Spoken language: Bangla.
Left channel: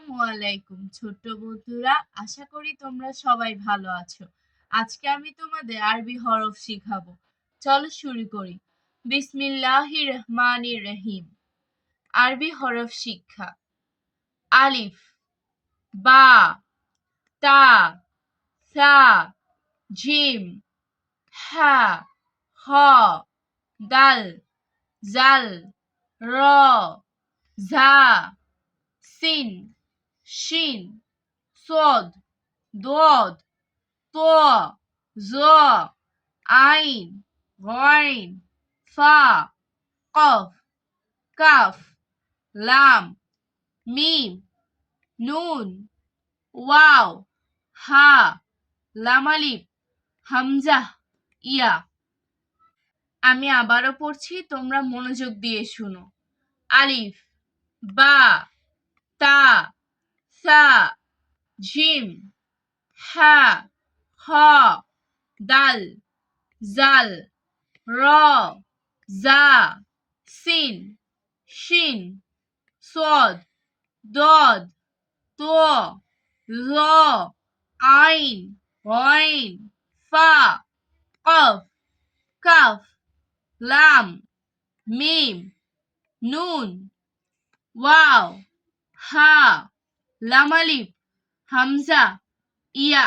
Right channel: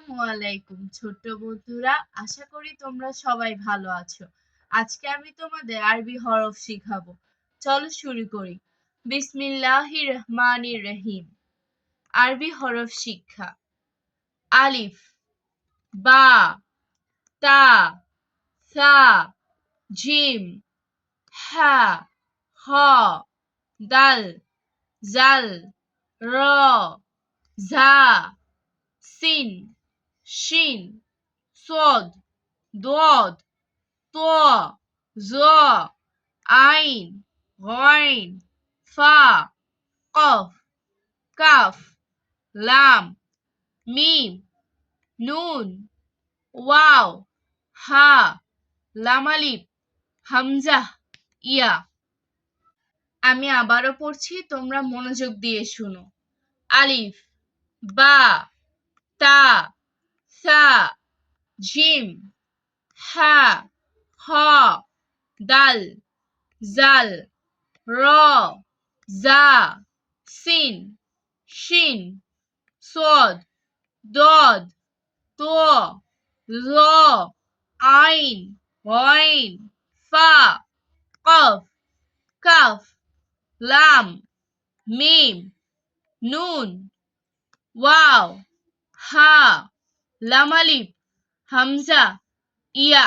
আসসালামু আলাইকুম ছোট্ট বন্ধুরা, আশা করি তোমরা সবাই ভালো আছো। আজকে আমি তোমাদের আরবি হরফ শিখাবো। চলো শুরু করি। বিসমিল্লাহির রহমানির রহিম। আরবি হরফ শিক্ষা। আলিফ, বা, তা, সা, জিম, হা, হ, দাল, জাল, র, ঝা, সিন, শিন, صاد ضاد طاء ظاء عين غين فاء قاف كاف لام ميم নুন ওয়াও হা লাম আলিফ হামজা ইয়া। আমি আবারও পড়ছি, তোমরা মনোযোগ দিয়ে শোনো। আলিফ, বা, তা, সা, জিম, হা, হ, দাল, জাল, র, জা, সিন, শিন, صاد ضاد طاء ظاء عين غين فاء قاف كاف لام ميم নুন ওয়াও হা লাম আলিফ হামজা ইয়া।